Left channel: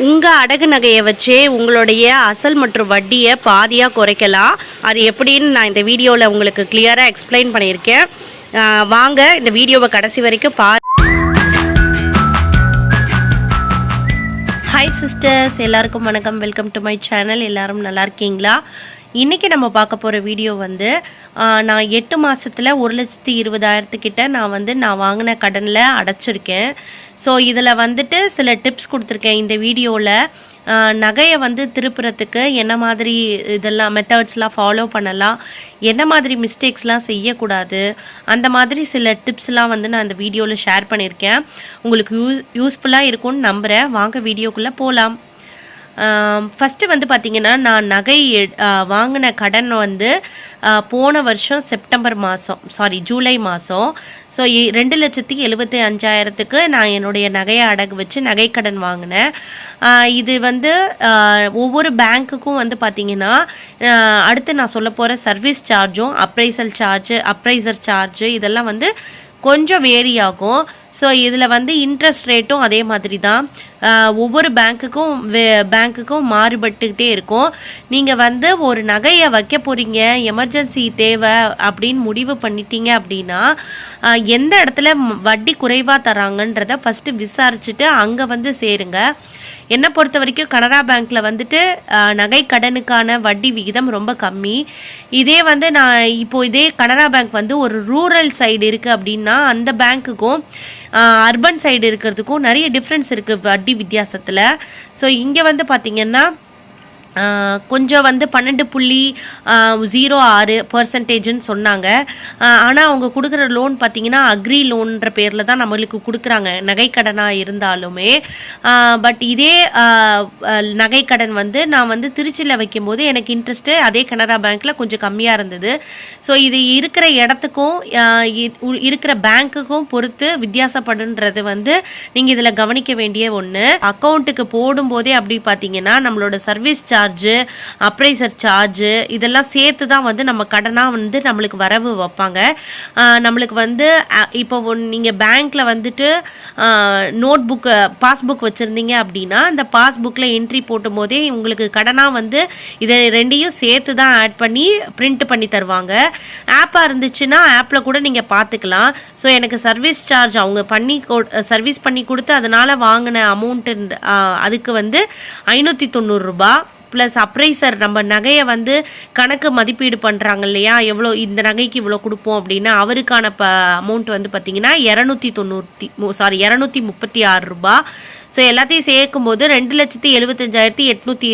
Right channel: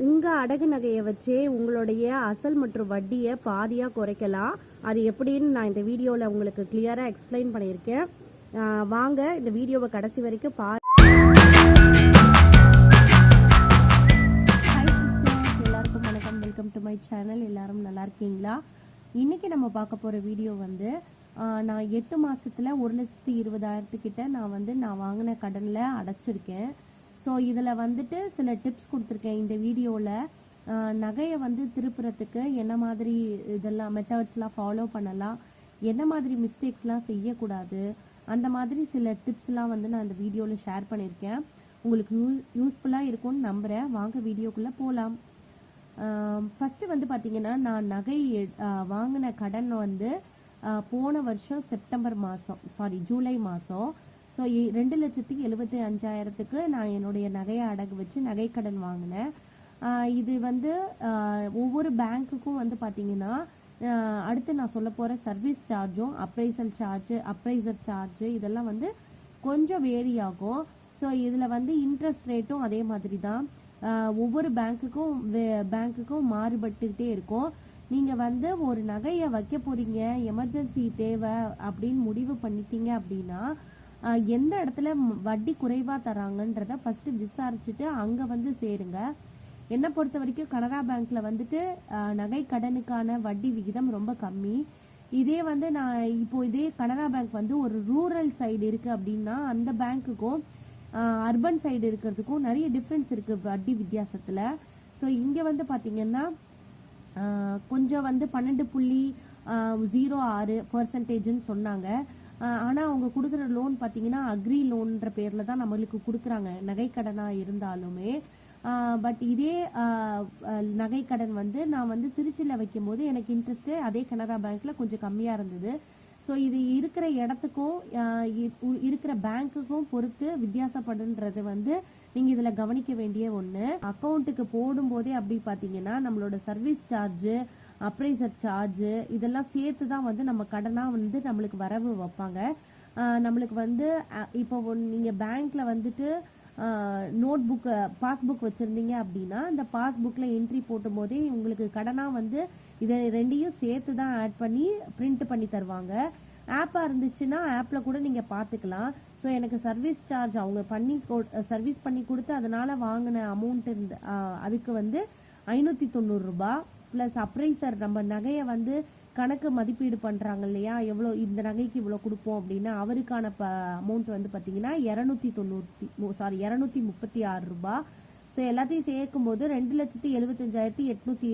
உங்கள் அடகு நகையை வச்சே உங்களுடைய அசல் மற்றும் வட்டியை பாதியாக குறைக்கலாம். அது எப்படின்னு நான் இந்த வீடியோவில் உங்களுக்கு கிளியராக எக்ஸ்பிளைன் பண்ணியிருக்கேன். வாங்க இந்த வீடியோவை கடைசி வரைக்கும் பா ஹாய் சிஸ்டர்ஸ் எல்லாருக்கும் வணக்கம். வெல்கம் டு மை சேனல் எல்லாரும் நல்லா இருக்கீங்களா? இன்றைக்கி நம்ம பார்க்க போகிற வீடியோ வந்து நான் எட்டு மாதத்தில் ஒரு லட்சத்தி இருபதாயிரத்துக்கிட்ட நான் வந்து நான் வாங்கின கடனில் அடைச்சிருக்கேன். ஸோ இதில் வந்துட்டு சில டிப்ஸ் கொடுத்துருக்கேன். இந்த வீடியோவில் நகையை வந்து திருப்புறத்துக்கு என்ன மாதிரி இதெல்லாம் மெத்தட்ஸ்லாம் ஃபாலோ பண்ணலாம். என்ன மாதிரி மிஸ்டேக்ஸ்லாம் செய்யக்கூடாது. அந்த மாதிரி சில டிப்ஸ்லாம் வந்து நான் இந்த வீடியோவில் ஷேர் பண்ணியிருக்கேன். உங்களுக்கு யூஸ் யூஸ்ஃபுல்லாக இருக்கும்னு நம்புகிறேன் வாங்க வீடியோக்குள்ளே போகலாம் ஃபஸ்ட்டு வந்து பார்த்திங்கன்னா நான் நகை வாங்கின கடன் வந்து போன வருஷம் செப்டம்பர் மாதம் சாரி ஜூலை மாதம் ஸோ ரெண்டு லட்சத்தி எழுபத்தி அஞ்சாயிரத்துக்கு நான் என்னுடைய நகையை அடகு வச்சு நகை கடன் வாங்கினேன். இது வந்து ஒவ்வொரு பேங்க்குக்கும் வந்து பார்த்திங்கன்னா அடுத்து நான் சொல்ல போகிற சர்வீஸ் சார்ஜும் அப்ரைசல் சார்ஜு அப்ரைசர் சார்ஜு இதெல்லாம் வந்து கொஞ்சம் வேரி ஆகும். ஸோ இதில் வந்து இன்ட்ரெஸ்ட் ரேட்டும் அதே மாதிரி தான் ஒவ்வொரு பேங்க்குக்கும் வே பேங்க்குக்கும் மாறுபட்டுக்கிட்டே இருக்கும். நீங்கள் வந்து ஒரு நகையை வைக்க போகிறீங்க எமர்ஜென்சி தேவை அப்படின்னு முடிவு பண்ணிட்டீங்க அப்படின்னா எந்த இடத்துல வட்டி குறைவாக தராங்கன்றத ஃபஸ்ட்டு விசாரிச்சுட்டு அங்கே வந்து சேருங்க. என்னை பொறுத்த வரைக்கும் கனரா பேங்க்கில் வந்துட்டு நகை கடனுக்கான வட்டி விகிதம் ரொம்ப கம்மி. இதே வந்து நான் இப்போ இதே கனரா பேங்க் வந்து ஒரு ரூரல் சைடு இருக்குது அப்படின்னா அந்த பேங்க்குக்கும் அர்பன் சைடு இருக்கிறதுக்கும் நிறைய டிஃப்ரென்ஸ் இருக்குது வட்டி வித்தியாசத்தில். ஸோ இங்கே வந்து பார்த்திங்கன்னா கொஞ்சம் வந்து பன்னெண்டு புள்ளி ஜீரோ ஆறு பர்சன்டேஜ்னு சொன்னாங்க. ஆனால் அவங்க கொடுக்குற லோன் பார்த்தீங்கன்னா அக்ரி லோன்ற பேரில் தான் நம்மளுக்கு கொடுக்குறாங்க. நகைக்கடனாக இருந்தாலுமே. பட் இதே நகைக்கடன் வந்து நான் வந்து திருச்சியில் வைக்கும்போது எனக்கு இன்ட்ரெஸ்ட்டு அதே கனரா பேங்க்கில் கொஞ்சம் கம்மியாக இருந்தது. ஸோ இது இருக்கிற இடத்துக்கும் இருக்கிற பேங்க்குக்கும் பொறுத்து வித்தியாசப்படுன்றது வந்து நீங்கள் இதில் கவனிக்க வேண்டிய ஒன்று அக்கௌண்ட்டுக்கு போடும்போதே அப்படி பார்த்தீங்கன்னா நம்மளோட service charge charge appraiser charge இதெல்லாம் சேர்த்து தான் வந்து நம்ம கடனாக வந்து நம்மளுக்கு வரவு வைப்பாங்க. நம்மளுக்கு வந்து இப்போ நீங்கள் பேங்க்கில் வந்துட்டு நோட் புக்கு பாஸ்புக் வச்சுருந்தீங்க அப்படின்னா அந்த பாஸ்புக்கில் என்ட்ரி போட்டும் போதே உங்களுக்கு கடனாக வந்து இதை ரெண்டையும் சேர்த்து தான் ஆட் பண்ணி பிரிண்ட் பண்ணி தருவாங்க. ஆப்பாக இருந்துச்சுன்னா ஆப்பில் கூட நீங்கள் பார்த்துக்கலாம் ஸோ எனக்கு சர்வீஸ் சார்ஜ் அவங்க பண்ணி சர்வீஸ் பண்ணி கொடுத்து அதனால் வாங்கின அமௌண்ட்டு அதுக்கு வந்து ஐநூற்றி தொண்ணூறுரூபா ப்ளஸ் அப்ரைசர் நம்ம நகையை வந்து கணக்கு மதிப்பீடு பண்ணுறாங்க இல்லையா? எவ்வளோ இந்த நகைக்கு இவ்வளோ கொடுப்போம் அப்படின்னா அவருக்கான ப அமௌண்ட் வந்து பார்த்தீங்கன்னா இரநூத்தி தொண்ணூற்றி சாரி இரநூத்தி முப்பத்தி ஆறு ரூபா. ஸோ எல்லாத்தையும் சேர்க்கும்போது ரெண்டு லட்சத்தி எழுபத்தஞ்சாயிரத்தி எட்நூற்றி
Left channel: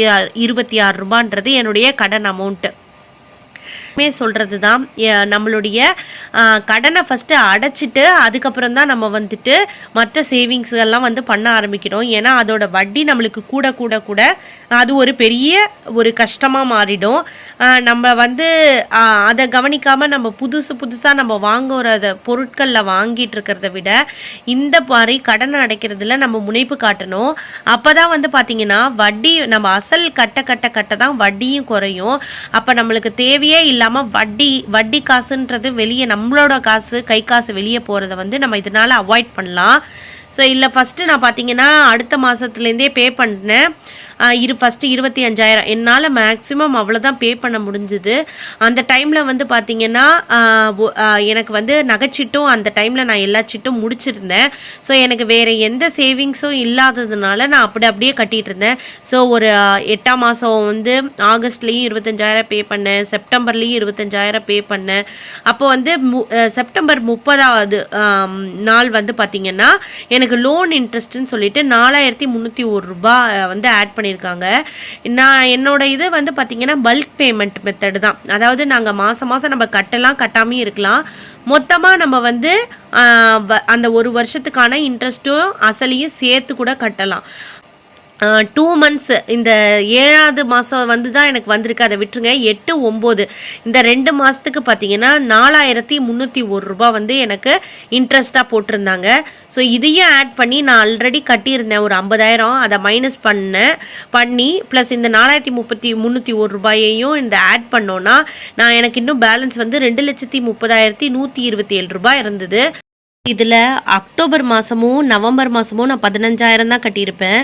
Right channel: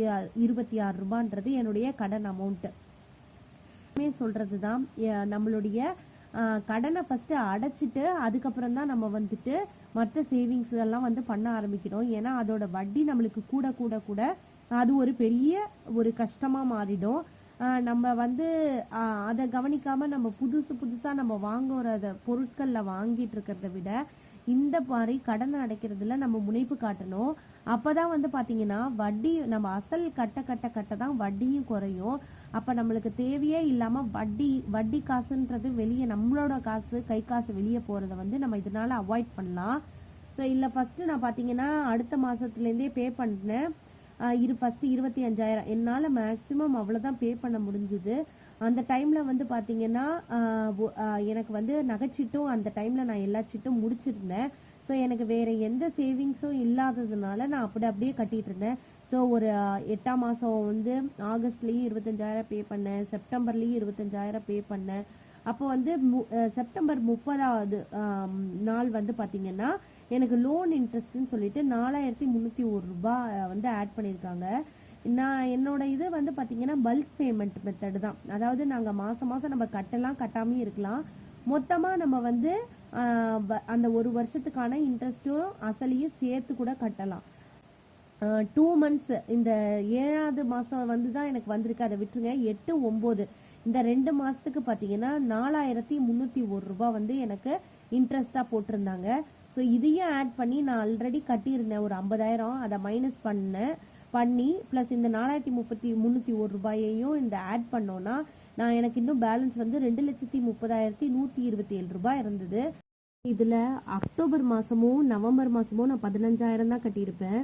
இருபத்தி ஆறு ரூபான்றது என்னுடைய கடன் அமௌண்ட்டு மே சொல்கிறது தான் நம்மளுடைய கடனை ஃபஸ்ட்டு அடைச்சிட்டு அதுக்கப்புறம் தான் நம்ம வந்துட்டு மற்ற சேவிங்ஸ் எல்லாம் வந்து பண்ண ஆரம்பிக்கிறோம். ஏன்னா அதோட வட்டி நம்மளுக்கு கூட கூட கூட அது ஒரு பெரிய ஒரு கஷ்டமாக மாறிடும். நம்ம வந்து அதை கவனிக்காமல் நம்ம புதுசு புதுசாக நம்ம வாங்குறத பொருட்களில் வாங்கிட்டு இருக்கிறத விட இந்த மாதிரி கடனை அடைக்கிறதுல நம்ம முனைப்பு காட்டணும். அப்போ தான் வந்து பார்த்திங்கன்னா வட்டி நம்ம அசல் கட்ட கட்ட கட்ட தான் வட்டியும் குறையும். அப்போ நம்மளுக்கு தேவையே இல்லாமல் வட்டி வட்டி காசுன்றது வெளியே நம்மளோட காசு கை காசு வெளியே போகிறத வந்து நம்ம இதனால் அவாய்ட் பண்ணலாம். ஸோ இல்லை ஃபஸ்ட்டு நான் பார்த்தீங்கன்னா அடுத்த மாதத்துலேருந்தே பே பண்ணேன். இரு ஃபஸ்ட்டு இருபத்தி அஞ்சாயிரம். என்னால் மேக்ஸிமம் அவ்வளோதான் பே பண்ண முடிஞ்சுது. அந்த டைமில் வந்து பார்த்தீங்கன்னா எனக்கு வந்து நகைச்சிட்டும் அந்த டைமில் நான் எல்லா சிட்டும் முடிச்சிருந்தேன். ஸோ எனக்கு வேறு எந்த சேவிங்ஸும் இல்லாததுனால நான் அப்படி அப்படியே கட்டிகிட்டு இருந்தேன் ஸோ ஒரு எட்டாம் மாதம் வந்து ஆகஸ்ட்லேயும் இருபத்தஞ்சாயிரம் பே பண்ணேன். செப்டம்பர்லேயும் இருபத்தஞ்சாயிரம் பே பண்ணேன். அப்போ வந்து மு செப்டம்பர் முப்பதாவது நாள் வந்து பார்த்திங்கன்னா எனக்கு லோன் இன்ட்ரெஸ்ட்டுன்னு சொல்லிட்டு நாலாயிரத்தி முந்நூற்றி ஒரு ரூபா வந்து ஆட் பண்ணி பண்ணியிருக்காங்க. நான் என்னோட இது வந்து பார்த்திங்கன்னா பல்க் பேமெண்ட் மெத்தடு தான். அதாவது நாங்கள் மாதம் மாதம் நம்ம கட்டலாம் கட்டாமையும் இருக்கலாம். மொத்தமாக நம்ம வந்து ஆஹ், அந்த ஒரு வருஷத்துக்கான இன்ட்ரெஸ்ட்டும் அசலையும் சேர்த்து கூட கட்டலாம். டூ மந்த்ஸ் இந்த ஏழாவது மாதம் வந்து தான் எனக்கு வந்திருக்கு. அதை விட்டுருங்க. எட்டு ஒம்பது. இந்த ரெண்டு மாதத்துக்கு பார்த்தீங்கன்னா நாலாயிரத்தி முந்நூற்றி ஒரு ரூபாய் வந்து எனக்கு இன்ட்ரெஸ்ட்டாக போட்டிருந்தாங்க. ஸோ இதையும் ஆட் பண்ணி நான் ஆல்ரெடி கட்டியிருந்தேன். ஒரு ஐம்பதாயிரம். அதை மைனஸ் பண்ணேன் பண்ணி ப்ளஸ் இந்த நாலாயிரத்தி முப்பத்தி முந்நூற்றி ஒரு ரூபாயையும் இந்த ஆட் பண்ணோன்னா நான் எனக்கு இன்னும் பேலன்ஸ் வந்து ரெண்டு லட்சத்தி முப்பதாயிரத்தி நூற்றி இருபத்தி ஏழு ரூபாய் இருந்தது. இதில் அக்டோபர் மாதமும் நவம்பர் மாதமும் நான் பதினஞ்சாயிரம் தான் கட்டியிருப்பேன்.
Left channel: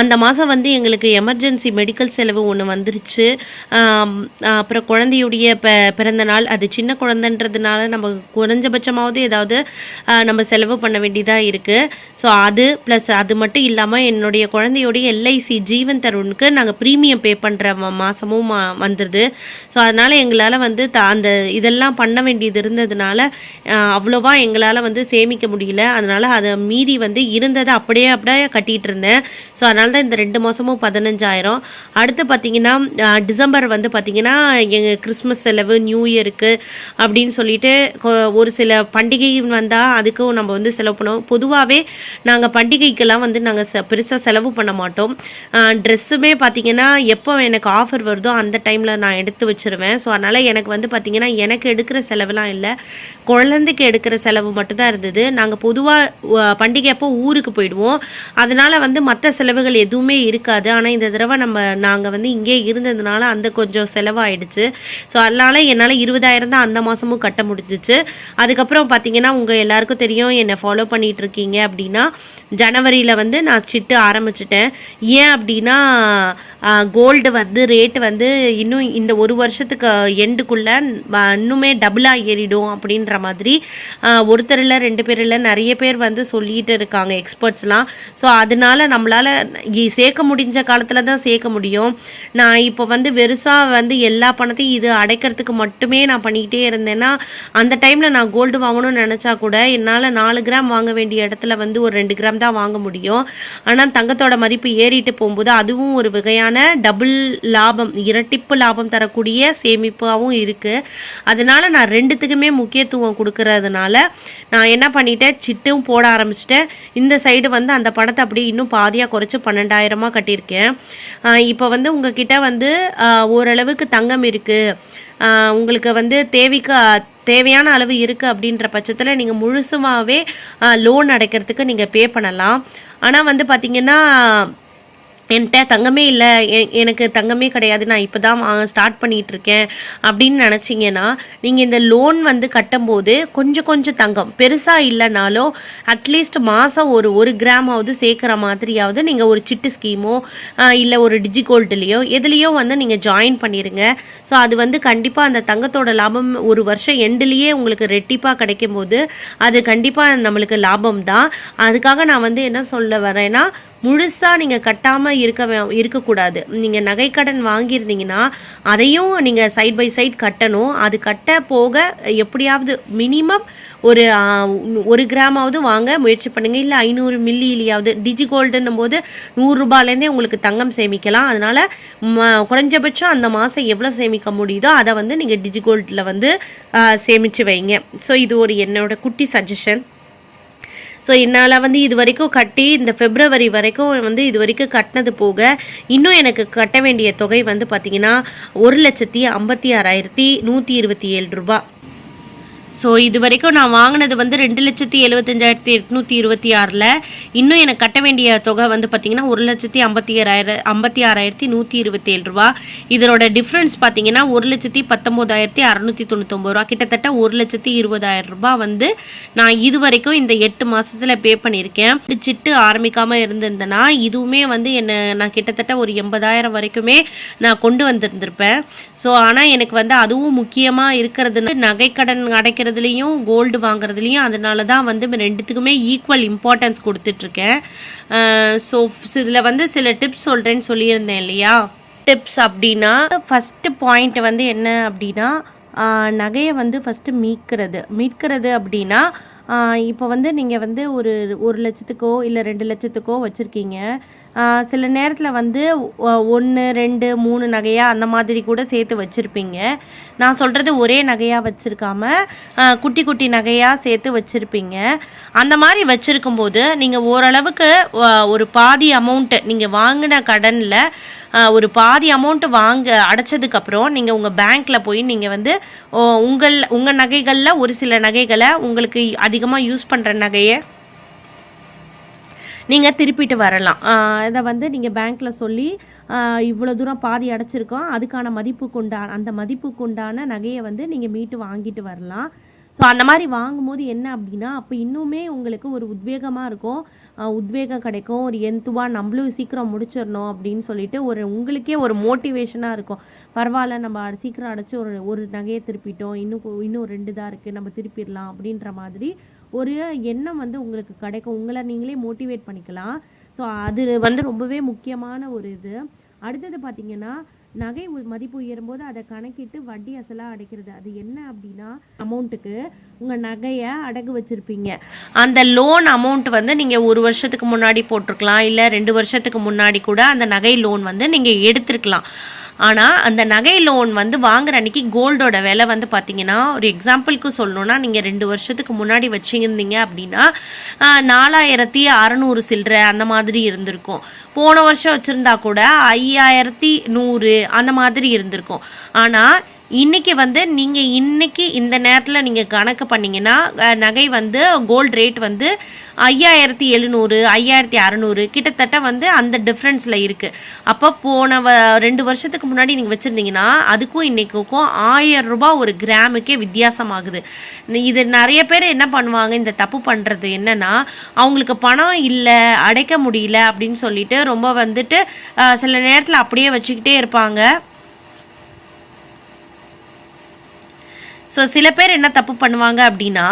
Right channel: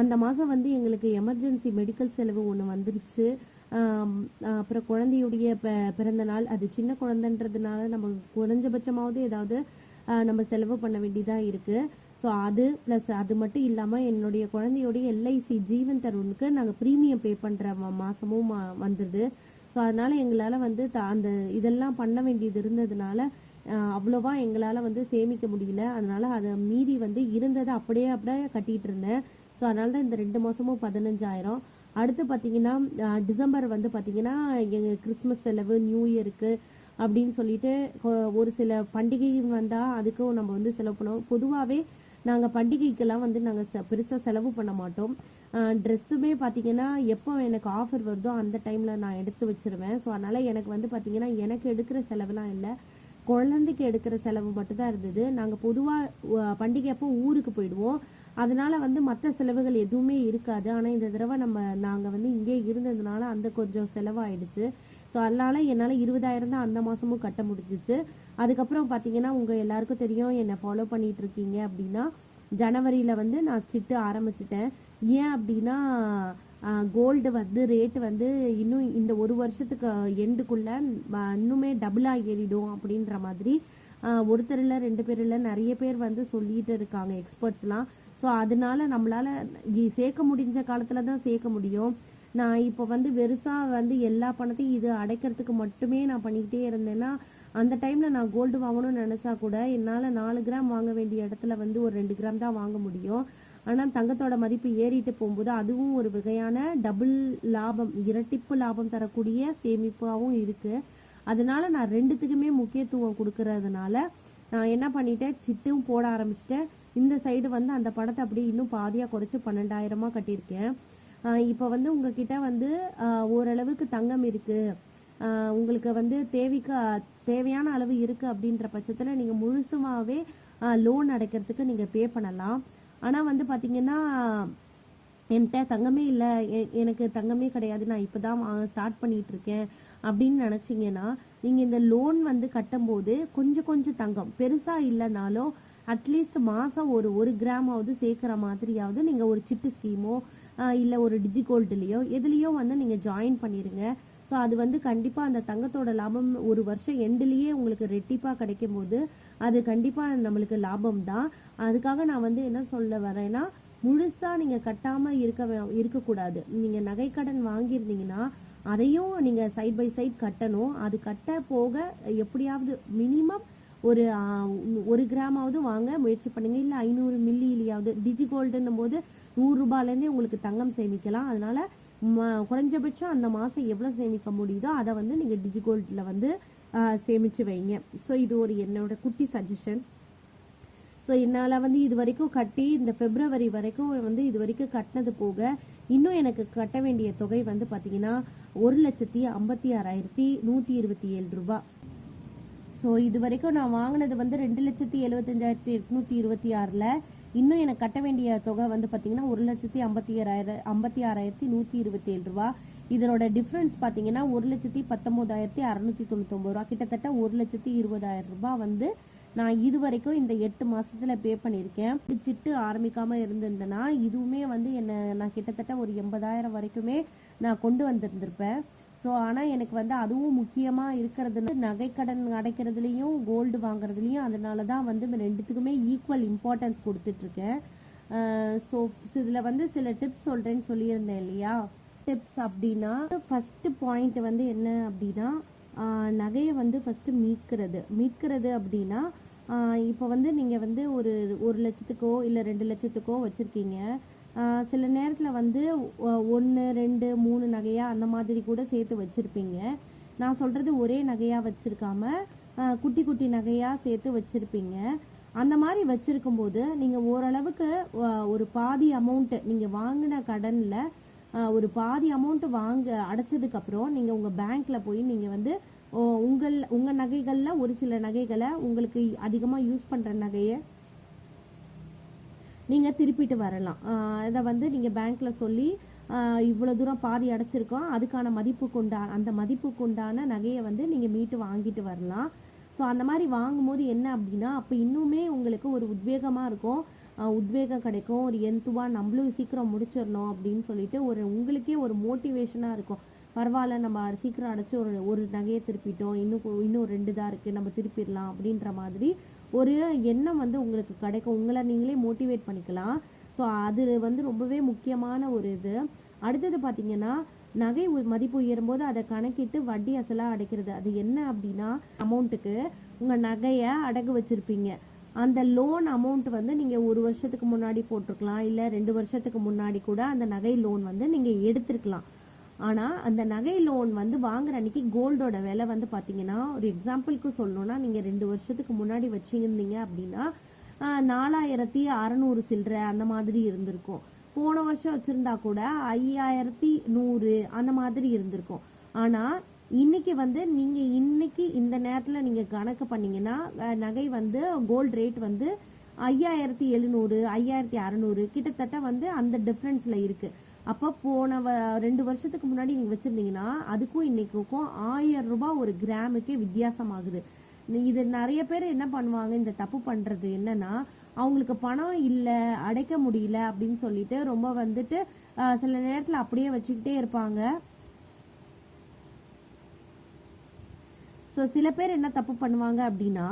அந்த மாதம் வந்து எங்களுக்கு எமர்ஜென்சி மெடிக்கல் செலவு ஒன்று வந்துருச்சு. அப்புறம் குழந்தையுடைய ப பிறந்த நாள் அது சின்ன குழந்தைன்றதுனால நம்ம குறைஞ்சபட்சமாவது ஏதாவது நம்ம செலவு பண்ண வேண்டியதாக இருக்குது ஸோ அது ப்ளஸ் அது மட்டும் இல்லாமல் என்னுடைய குழந்தையோடைய எல்ஐசி ஜீவன் தருணுக்கு நாங்கள் ப்ரீமியம் பே பண்ணுற மாதமும் வந்துடுது ஸோ அதனால் எங்களால் வந்து த அந்த இதெல்லாம் பண்ண வேண்டியது இருந்ததுனால அவ்வளோவா எங்களால் வந்து சேமிக்க முடியல. அதனால் அதை மீதி வந்து இருந்ததை அப்படியே அப்படியே கட்டிகிட்டு இருந்தேன். ஸோ அதனால தான் இந்த ரெண்டு மாதமும் பதினஞ்சாயிரம். அடுத்து பார்த்திங்கன்னா டிசம்பர் வந்து பார்த்திங்கன்னா எங்கள் கிறிஸ்மஸ் செலவு நியூ இயருக்கு அப்படின்னு சொல்லிட்டு கொ- ஒரு சில பண்டிகை வந்தால் அதுக்கும் நம்ம வந்து செலவு பண்ணுவோம். பொதுவாகவே நாங்கள் பண்டிகைக்கெல்லாம் வந்து நாங்கள் பெருசாக செலவு பண்ண மாட்டோம். ட்ரெஸ்ஸுமே பார்த்திங்கன்னா எப்போ எனக்கு ஆஃபர் வருதோ அந்த டைமில் நான் எடுத்து வச்சிருவேன். ஸோ அதனால் எனக்கு வந்து பார்த்திங்கன்னா எனக்கு எடுக்கிற செலவுலாம் இல்லை. குழந்தைக்கு எடுக்கிற செலவு மட்டும்தான் இருந்தது. நாங்கள் பொதுவாக பண்டிகை அப்போ ஊருக்கு போயிடுவோம். அதனால் வந்து மற்ற செலவுகள் எதுவுமே இருக்காது. ஆனால் இந்த தடவை நம்ம நாங்கள் வந்து இங்கே இருந்ததுனால அந்த கொஞ்சம் செலவாயிடுச்சு. ஸோ அதனால் என்னால் இருபதாயிரம் தான் அந்த மாதமும் கட்ட முடிஞ்சிச்சு. அதுக்கப்புறம் பார்த்தீங்கன்னா உங்கள் எல்லாருக்கும் தெரியும் என்னை ஃபாலோ பண்ணிகிட்ருக்கீங்க இருக்கீங்க அப்படின்னா ஜனவரியில் வந்து நான் சிட்டு ஆரம்பிச்சிட்டேன். ஏன் அப்படின்னா கோல்டு வந்து ரேட்டு வந்து இன்னும் இந்த ஒரு வருஷத்துக்கு எண்டுக்குள்ளே இன்னுமே டபுளாக ஏறிடும் அப்படின்ற மாதிரி ஒருத்தரில் ஒருத்தர் இல்லை ரெண்டு பேர் இல்லை நிறைய பேர் வந்து சொல்லிட்டு இருக்காங்க எக்ஸ்பர்ட்ஸ்லாம் ஸோ அதனால நம்மளால் சேர்க்க முடிஞ்ச காலத்தில் தான் சேர்க்க முடியும். நான் இப்போ வந்து வெறுசாக வந்து எல்லா பணத்தையும் இது அடைக்கிறதுக்கு மட்டுமே நான் பண்ணிக்கிட்டே இருந்தேன்னா அந்த டைமில் நான் கோல்டு வாங்கணும்னு நினச்சா கூட என்னால் நாலு கிராம் வாங்க வேண்டிய இடத்துல வந்து ஒரு ரெண்டு கிராம் தான் வாங்க முடியும். ஆனால் தங்கத்தோட மதிப்பு ஏறிட்டு போகும்போது அதுவும் ஒரு வகையான டபுள் லாபம் இரட்டிப்பு லாபம் தரக்கூடிய சேமிப்பாகவும் இருக்குது அதனால் நான் ரெண்டுத்துக்குமே முக்கியத்துவம் கொடுக்கறதுனால நான் என்ன பண்ணிட்டேன்? சிட்டும் போட ஆரம்பிச்சிட்டேன். இந்த சைடு வந்து அந்த பணத்தை அப்படியே இன்னும் பாதியாக குறைச்சி பன்னெண்டாயிரமாக கட்டியிருக்கேன். இப்போ வந்து உங்ககிட்ட வந்து ஓரளவுக்கு தங்கம் இருக்குது உங்களுக்கு வந்து தேவைக்கு தேவையான அளவு இருக்குது அப்படின்ற பட்சத்தில் நீங்கள் முழுசுமாகவே லோன் அடைக்கிறதுக்கு நீங்கள் பே பண்ணலாம். ஆனால் வந்து பார்த்திங்கன்னா என்கிட்ட தங்கமே இல்லை எனக்கு தங்கமே கிடையாது நான் இப்போ தான் ஸ்டார்ட் பண்ணிகிட்டு இருக்கேன் அப்படின்னு நினச்சிங்கன்னா நீங்கள் இந்த லோன் வந்து கட்டும்போது கொஞ்சம் கொஞ்சம் தங்கம். பெருசாக இல்லைனாலும் அட்லீஸ்ட் மாதம் ஒரு ஒரு கிராமாவது சேர்க்குற மாதிரியாவது நீங்கள் ஒரு சிட்டு ஸ்கீமோ இல்லை ஒரு டிஜிகோல்டுலேயோ எதுலேயோ வந்து நீங்கள் ஜாயின் பண்ணிடுங்க ஸோ அது வந்து கண்டிப்பாக அந்த தங்கத்தோட லாபம் ஒரு வருஷம் எண்டுலேயே உங்களுக்கு ரெட்டிப்பாக கிடைக்கும் போது அது கண்டிப்பாக நம்மளுக்கு லாபம் தான் அதுக்காக நான் வந்து என்ன சொல்ல வரேன்னா முழுசாக நீங்கள் கட்டாமல் இருக்க இருக்கக்கூடாது. நீங்கள் நகைக்கடன் வாங்கியிருந்தீங்கன்னா அதையும் நீங்கள் சைட் பை சைட் கட்டணும். அது கட்ட போக எப்படியாவது மினிமம் ஒரு ஒரு கிராமாவது வாங்க முயற்சி பண்ணுங்கள் இல்லை ஐநூறு மில்லியிலையாவது டிஜி கோல்டுன்னும் போது நூறுரூபாலேருந்தே உங்களுக்கு தங்கம் சேமிக்கலாம். அதனால் ம குறைஞ்சபட்சம் அந்த மாதம் எவ்வளோ சேமிக்க முடியுதோ அதை வந்து நீங்கள் டிஜி கோல்டில் வந்து சேமித்து சேமிச்சு வைங்க. ஸோ இது ஒரு என்னோட குட்டி சஜஷன் ஸோ என்னால் வந்து இது வரைக்கும் கட்டி இந்த பிப்ரவரி வரைக்கும் வந்து இது வரைக்கும் கட்டினது போக இன்னும் எனக்கு கட்ட வேண்டிய தொகை வந்து பார்த்திங்கன்னா ஒரு லட்சத்தி ஐம்பத்தி ஆறாயிரத்தி நூற்றி இருபத்தி ஏழு ரூபா. ஸோ இது வரைக்கும் நான் வாங்கினது வந்து ரெண்டு லட்சத்தி எழுபத்தஞ்சாயிரத்தி எட்நூற்றி இருபத்தி ஆறில். இன்னும் எனக்கு கட்ட வேண்டிய தொகை வந்து பார்த்திங்கன்னா ஒரு லட்சத்தி ஐம்பத்தி ஆறாயிரம் ஐம்பத்தி ஆறாயிரத்தி நூற்றி இருபத்தி ஏழு ரூபா. இதனோட டிஃப்ரென்ஸ் பார்த்தீங்கன்னா ஒரு லட்சத்தி பத்தொம்போதாயிரத்தி அறநூற்றி தொண்ணூத்தொம்பது ரூபா. கிட்டத்தட்ட ஒரு லட்சத்தி இருபதாயிரம் ரூபாய் வந்து நான் இது வரைக்கும் இந்த எட்டு மாதத்தில் பே பண்ணியிருக்கேன். சிட்டு ஆரம்பிக்காமல் இருந்திருந்தேன்னா இதுவுமே வந்து என்னை நான் கிட்டத்தட்ட ஒரு எண்பதாயிரம் வரைக்குமே நான் கொண்டு வந்திருந்திருப்பேன். ஸோ ஆனால் எனக்கு வந்து அதுவும் முக்கியமாக இருக்கிறது நகைக்கடன் வைக்கிறதுலேயும் கோல்டு வாங்குறதுலையும் அதனால தான் வந்து ரெண்டுத்துக்குமே ஈக்குவல் இம்பார்ட்டன்ஸ் கொடுத்துட்ருக்கேன். ஸோ இதில் வந்து சில டிப்ஸ் சொல்கிறேன்னு சொல்லியிருந்தேன் இல்லையா? டிப்ஸ் அப்படின்னா ஃபஸ்ட்டு பாயிண்ட் வந்து என்ன அப்படின்னா நகையை வந்து ஃபஸ்ட்டு மீட்கிறது. மீட்கிறது அப்படின்னா இப்போ வந்து நீங்கள் வந்து ஒரு ஒரு லட்சத்துக்கோ இல்லை ரெண்டு லட்சத்துக்கோ வச்சுருக்கீங்க. சில நேரத்தில் வந்து ஒன்று ரெண்டு மூணு நகையாக அந்த மாதிரி கூட சேர்த்து வச்சுருப்பீங்க. நான் சொல்கிறது ஒரே நகையாக வச்சுருக்காம குட்டி குட்டி நகையாக சேர்த்து வச்சுருப்பீங்க. அந்த மாதிரி வச்சுருக்கும்போது நீங்கள் ஓரளவுக்கு ஒரு பாதி அமௌண்ட்டு நீங்கள் வாங்கின கடனில் ஒரு பாதி அமௌண்ட்டு வாங்க அடைச்சதுக்கப்புறம் நீங்கள் உங்கள் பேங்க்கில் போய் நீங்கள் வந்து ஓ, உங்கள் உங்கள் நகைகளில் ஒரு சில நகைகளை உங்களுக்கு அதிகமாக யூஸ் பண்ணுற நகையை நீங்கள் திருப்பிட்டு வரலாம். ஆஹ் இதை வந்து நீங்கள் பேங்க்கில் சொல்லி ஆஹ் இவ்வளோ தூரம் பாதி அடைச்சிருக்கோம். அதுக்கான மதிப்புக்கு உண்டான அந்த மதிப்புக்கு உண்டான நகையை வந்து நீங்கள் மீட்டு வாங்கிட்டு வரலாம். ஸோ அந்த மாதிரி வாங்கும்போது என்ன அப்படின்னா அப்போ இன்னுமே உங்களுக்கு ஒரு உத்வேகமாக இருக்கும். உத்வேகம் கிடைக்கும். ஒரு எந்துவா நம்மளும் சீக்கிரம் முடிச்சிடணும் அப்படின்னு சொல்லிட்டு ஒரு உங்களுக்கே ஒரு மோட்டிவேஷனாக இருக்கும். பரவாயில்ல நம்ம சீக்கிரம் அடைச்சி ஒரு ஒரு நகையை திருப்பிட்டோம். இன்னும் இன்னும் ரெண்டு தான் இருக்குது நம்ம திருப்பிடலாம் அப்படின்ற மாதிரி ஒரு எண்ணம் வந்து உங்களுக்கு கிடைக்கும். உங்களை நீங்களே மோட்டிவேட் பண்ணிக்கலாம். ஸோ அது வந்து ரொம்பவே முக்கியமான ஒரு இது. அடுத்தது பார்த்தீங்கன்னா நகை உ- மதிப்பு உயரும்போது அதை கணக்கிட்டு வட்டி அசலாக அடைக்கிறது. அது என்ன அப்படின்னா அமௌண்ட்டுக்கு உங்கள் நகையை அடகு வச்சுருப்பீங்க. அந்த லோன் அமௌண்ட் வந்து நீங்கள் ஒரு வருஷத்துக்கு முன்னாடி போட்டிருக்கலாம். இல்லை ரெண்டு வருஷத்துக்கு முன்னாடி கூட அந்த நகை லோன் வந்து நீங்கள் எடுத்திருக்கலாம். ஆனால் அந்த நகை லோன் வந்து வாங்குற அன்னைக்கு கோல்டோட விலை வந்து பார்த்தீங்கன்னா ஒரு எக்ஸாம்பிளுக்கு சொல்லணும்னா நீங்கள் ரெண்டு வருஷத்துக்கு முன்னாடி வச்சுருந்தீங்க அப்படின்னா நாலாயிரத்தி அறநூறு சில்லற அந்த மாதிரி இருந்திருக்கும். போன வருஷம் வச்சுருந்தா கூட ஐயாயிரத்தி நூறு அந்த மாதிரி இருந்திருக்கும். ஆனால் இன்றைக்கி வந்து நீங்கள் இன்னைக்கு இந்த நேரத்தில் நீங்கள் கணக்கு பண்ணீங்கன்னா நகை வந்து கோல்ட் ரேட் வந்து ஐயாயிரத்தி எழுநூறு ஐயாயிரத்தி அறநூறு கிட்டத்தட்ட வந்து அந்த டிஃப்ரென்ஸில் இருக்குது அப்போ போன வ ரெண்டு வருஷத்துக்கு முன்னாடி நீங்கள் வச்சுருந்தீங்கன்னா அதுக்கும் இன்னைக்குக்கும் ஆயிரம் ரூபாய் ஒரு கிராமுக்கே வித்தியாசமாகுது. இது நிறைய பேர் என்ன பண்ணுவாங்க இந்த தப்பு பண்ணுறது என்னென்னா அவங்களுக்கு பணம் இல்லை அடைக்க முடியல அப்படின்னு சொல்லிட்டு ரொம்ப வந்துட்டு சில நேரத்தில் அப்படியே வச்சுக்கிட்டே இருப்பாங்க. ஸோ சில பேர் என்ன தப்பு பண்ணுவாங்க அப்படின்னா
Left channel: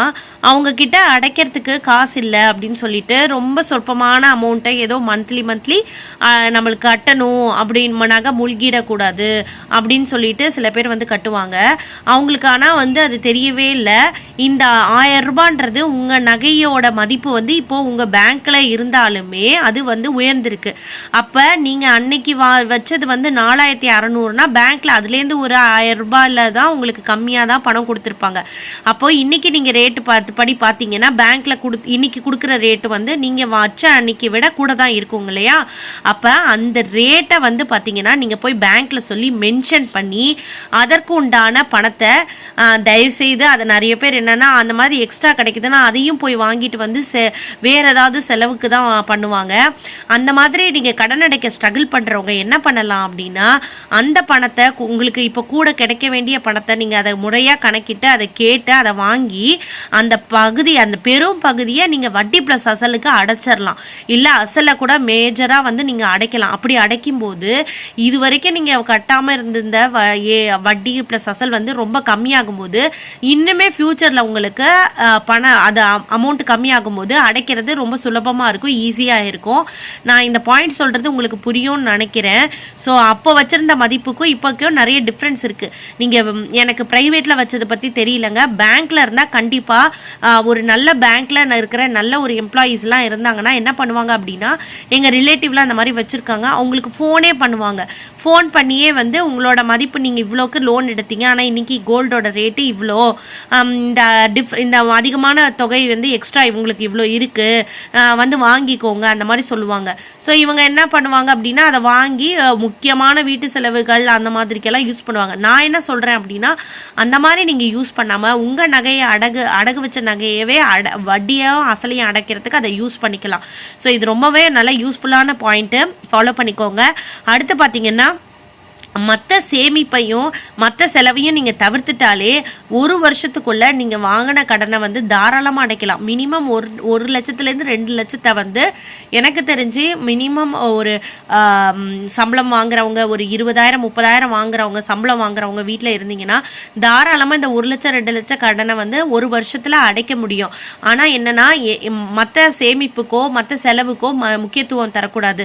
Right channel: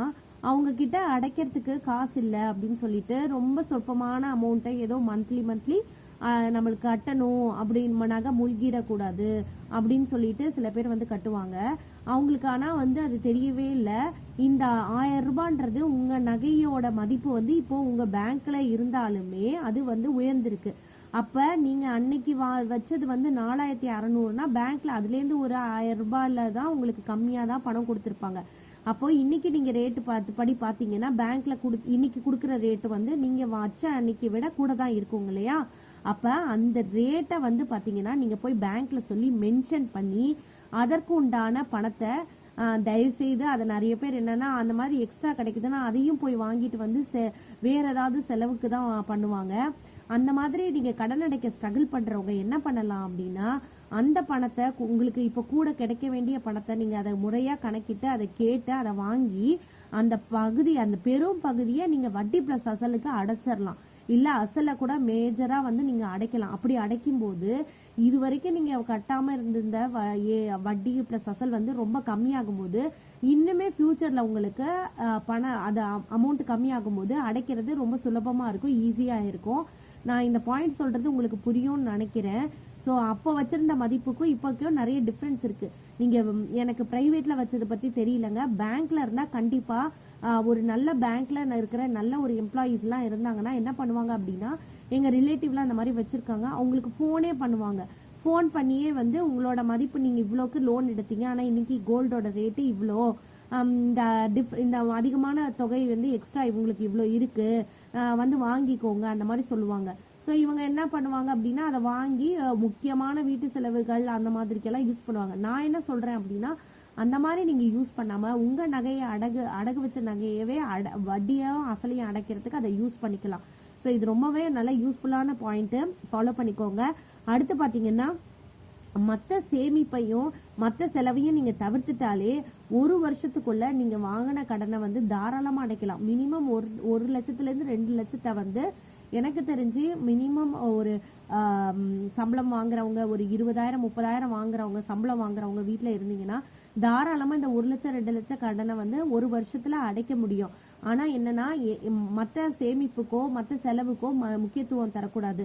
அவங்கக்கிட்ட அடைக்கிறதுக்கு காசு இல்லை அப்படின்னு சொல்லிட்டு ரொம்ப சொற்பமான அமௌண்ட்டை ஏதோ மந்த்லி மந்த்லி நம்மளுக்கு கட்டணும் அப்படின்னு நகை மூழ்கிடக்கூடாது அப்படின்னு சொல்லிட்டு சில பேர் வந்து கட்டுவாங்க. அவங்களுக்கு ஆனால் வந்து அது தெரியவே இல்லை. இந்த ஆயிரம் ரூபான்றது உங்கள் நகையோட மதிப்பு வந்து இப்போ உங்கள் பேங்க்கில் இருந்தாலுமே அது வந்து உயர்ந்திருக்கு. அப்போ நீங்கள் அன்னைக்கு வா வச்சது வந்து நாலாயிரத்தி அறநூறுனா பேங்க்கில் அதுலேருந்து ஒரு ஆயிரம் ரூபாயில் தான் உங்களுக்கு கம்மியாக தான் பணம் கொடுத்துருப்பாங்க. அப்போ இன்னைக்கு நீங்கள் ரேட்டு பார்த்து படி பார்த்தீங்கன்னா பேங்க்கில் கொடு இன்னைக்கு கொடுக்குற ரேட்டு வந்து நீங்கள் வச்ச அன்னைக்கு விட கூட தான் இருக்குங்க இல்லையா? அப்போ அந்த ரேட்டை வந்து பார்த்தீங்கன்னா நீங்கள் போய் பேங்க்கில் சொல்லி மென்ஷன் பண்ணி அதற்கு உண்டான பணத்தை தயவு செய்து அதை நிறைய பேர் என்னன்னா அந்த மாதிரி எக்ஸ்ட்ரா கிடைக்குதுன்னா அதையும் போய் வாங்கிட்டு வந்து செ வேற ஏதாவது செலவுக்கு தான் பண்ணுவாங்க. அந்த மாதிரி நீங்கள் கடன் அடைக்க ஸ்ட்ரகிள் பண்ணுறவங்க என்ன பண்ணலாம் அப்படின்னா அந்த பணத்தை உங்களுக்கு இப்போ கூட கிடைக்க வேண்டிய பணத்தை நீங்கள் அதை முறையாக கணக்கிட்டு அதை கேட்டு அதை வாங்கி அந்த பகுதி அந்த பெரும் பகுதியை நீங்கள் வட்டி ப்ளஸ் அசலுக்கு அடைச்சிடலாம் இல்லை அசலை கூட மேஜராக வந்து நீங்கள் அடைக்கலாம். அப்படி அடைக்கும்போது இது வரைக்கும் நீங்கள் கட்டாமல் இருந்திருந்த வ ஏ வட்டி ப்ளஸ் அசல் வந்து ரொம்ப கம்மியாகும்போது இன்னுமே ஃப்யூச்சரில் உங்களுக்கு பணம் அது அமௌண்ட் கம்மியாகும்போது அடைக்கிறது ரொம்ப சுலபமாக இருக்கும் ஈஸியாக இருக்கும். நான் இந்த பாயிண்ட் சொல்கிறது உங்களுக்கு புரியும்னு நினைக்கிறேன். ஸோ அப்போ வச்சுருந்த மதிப்புக்கும் இப்போக்கும் நிறைய டிஃப்ரென்ஸ் இருக்குது நீங்கள் எனக்கு ப்ரைவேட்டில் வச்சது பற்றி தெரியலங்க. பேங்க்கில் இருந்தால் கண்டிப்பாக ஒரு நல்ல பேங்க்கில் இருக்கிற நல்ல ஒரு எம்ப்ளாயீஸ்லாம் இருந்தாங்கன்னா என்ன பண்ணுவாங்க அப்படின்னா எங்கள் ரிலேட்டிவ்லாம் அந்த மாதிரி வச்சுருக்காங்க. அவங்களுக்கு ஃபோனே பண்ணுவாங்க. ஃபோன் பண்ணியே வந்து உங்களோட மதிப்பு நீங்கள் இவ்வளோக்கு லோன் எடுத்தீங்க. ஆனால் இன்னைக்கு கோல்டோட ரேட்டு இவ்வளோ. இந்த டிஃப் இந்த அதிகமான தொகை வந்து எக்ஸ்ட்ரா இவங்களுக்கு இவ்வளோ இருக்குது வந்து வாங்கிக்கோங்க. அந்த மாதிரி சொல்லுவாங்க. ஸோ இவங்க என்ன பண்ணுவாங்க அப்படின்னா அதை வாங்கி முக்கியமான வீட்டு செலவுகள் அந்த மாதிரிக்கெல்லாம் யூஸ் பண்ணுவாங்க. நான் என்ன சொல்கிறேன் அப்படின்னா அந்த மாதிரி நீங்கள் யூஸ் பண்ணாமல் உங்கள் நகையை அடகு அடகு வச்ச நகையவே அட வட்டியும் அசலையும் அடைக்கிறதுக்கு அதை யூஸ் பண்ணிக்கலாம். ஸோ இது ரொம்பவே நல்ல யூஸ்ஃபுல்லான பாயிண்ட்டு ஃபாலோ பண்ணிக்கோங்க. அடுத்து பார்த்தீங்கன்னா மற்ற சேமிப்பையும் மற்ற செலவையும் நீங்கள் தவிர்த்துட்டாலே ஒரு வருஷத்துக்குள்ளே நீங்கள் வாங்கின கடனை வந்து தாராளமாக அடைக்கலாம். மினிமம் ஒரு ஒரு லட்சத்துலேருந்து ரெண்டு லட்சத்தை வந்து எனக்கு தெரிஞ்சு மினிமம் ஒரு சம்பளம் வாங்குறவங்க ஒரு இருபதாயிரம் முப்பதாயிரம் வாங்குறவங்க சம்பளம் வாங்குறவங்க வீட்டில் இருந்தீங்கன்னா தாராளமாக இந்த ஒரு லட்சம் ரெண்டு லட்சம் கடனை வந்து ஒரு வருஷத்தில் அடைக்க முடியும். ஆனால் என்னென்னா மற்ற சேமிப்புக்கோ மற்ற செலவுக்கோ ம முக்கியத்துவம் தரக்கூடாது.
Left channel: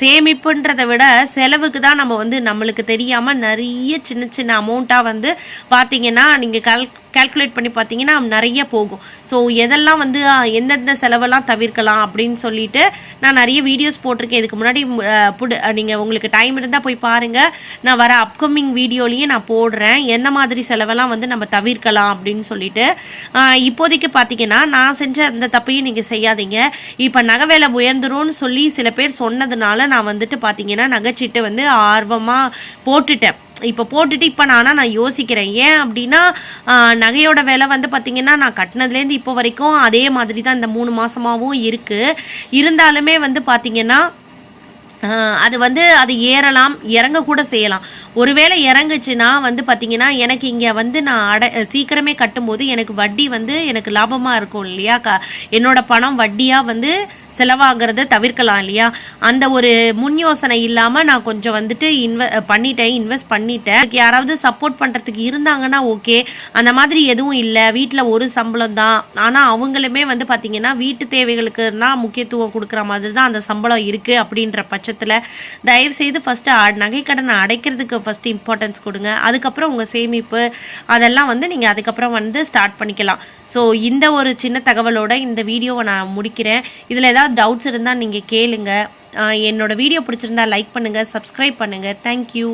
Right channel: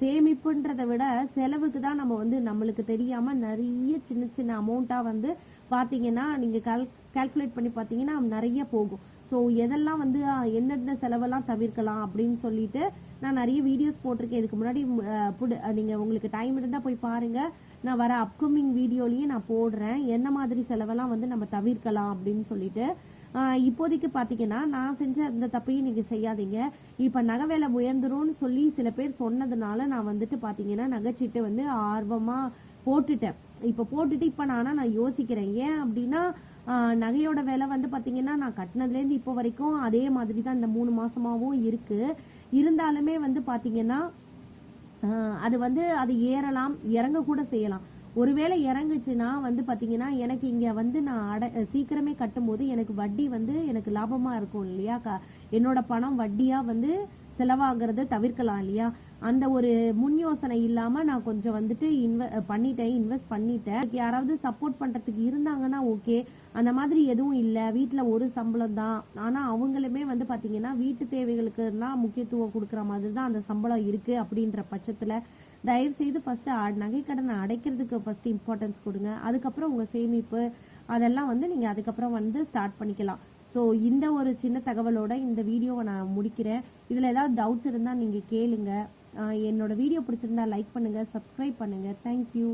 சேமிப்புன்றதை விட செலவுக்கு தான் நம்ம வந்து நம்ம நம்மளுக்கு தெரியாமல் நிறைய சின்ன சின்ன அமௌண்ட்டாக வந்து பார்த்தீங்கன்னா நீங்கள் கல் கால்குலேட் பண்ணி பார்த்தீங்கன்னா நிறைய போகும். ஸோ எதெல்லாம் வந்து எந்தெந்த செலவெல்லாம் தவிர்க்கலாம் அப்படின்னு சொல்லிட்டு நான் நிறைய வீடியோஸ் போட்டிருக்கேன். இதுக்கு முன்னாடி புடு நீங்கள் உங்களுக்கு டைம் இருந்தால் போய் பாருங்கள் நான் வர அப்கமிங் வீடியோலையும் நான் போடுறேன். எந்த மாதிரி செலவெல்லாம் வந்து நம்ம தவிர்க்கலாம் அப்படின்னு சொல்லிட்டு. இப்போதைக்கு பார்த்தீங்கன்னா நான் செஞ்ச அந்த தப்பையும் நீங்கள் செய்யாதீங்க. இப்போ நகை வேலை உயர்ந்துரும்னு சொல்லி சில பேர் சொன்னதுனால நான் வந்துட்டு பார்த்தீங்கன்னா நகைச்சீட்டு வந்து ஆர்வமாக போட்டுட்டேன். இப்போ போட்டுட்டு இப்போ நானா நான் யோசிக்கிறேன். ஏன் அப்படின்னா நகையோட விலை வந்து பார்த்திங்கன்னா நான் கட்டினதுலேருந்து இப்போ வரைக்கும் அதே மாதிரி தான் இந்த மூணு மாதமாகவும் இருக்குது இருந்தாலுமே வந்து பார்த்திங்கன்னா அது வந்து அது ஏறலாம் இறங்க கூட செய்யலாம். ஒருவேளை இறங்குச்சுன்னா வந்து பார்த்தீங்கன்னா எனக்கு இங்கே வந்து நான் அடை சீக்கிரமே கட்டும்போது எனக்கு வட்டி வந்து எனக்கு லாபமாக இருக்கும் இல்லையா? க என்னோட பணம் வட்டியாக வந்து செலவாகிறத தவிர்க்கலாம் இல்லையா? அந்த ஒரு முன் யோசனை இல்லாமல் நான் கொஞ்சம் வந்துட்டு இன்வெ பண்ணிட்டேன் இன்வெஸ்ட் பண்ணிட்டேன். யாராவது சப்போர்ட் பண்ணுறதுக்கு இருந்தாங்கன்னா ஓகே. அந்த மாதிரி எதுவும் இல்லை. வீட்டில் ஒரு சம்பளம் தான். ஆனால் அவங்களுமே வந்து பார்த்திங்கன்னா வீட்டு தேவைகளுக்கு தான் முக்கியத்துவம் கொடுக்குற மாதிரி தான் அந்த சம்பளம் இருக்குது அப்படின்ற பட்சத்தில் தயவுசெய்து ஃபஸ்ட்டு நகைக்கடனை அடைக்கிறதுக்கு ஃபஸ்ட்டு இம்பார்ட்டன்ஸ் கொடுங்க. அதுக்கப்புறம் உங்கள் சேமிப்பு அதெல்லாம் வந்து நீங்கள் அதுக்கப்புறம் வந்து ஸ்டார்ட் பண்ணிக்கலாம். ஸோ இந்த ஒரு சின்ன தகவலோட இந்த வீடியோவை நான் முடிக்கிறேன். இதில் ஏதாவது டவுட்ஸ் இருந்தால் நீங்கள் கேளுங்க. என்னோடய வீடியோ பிடிச்சிருந்தா லைக் பண்ணுங்கள் சப்ஸ்கிரைப் பண்ணுங்கள் தேங்க்யூ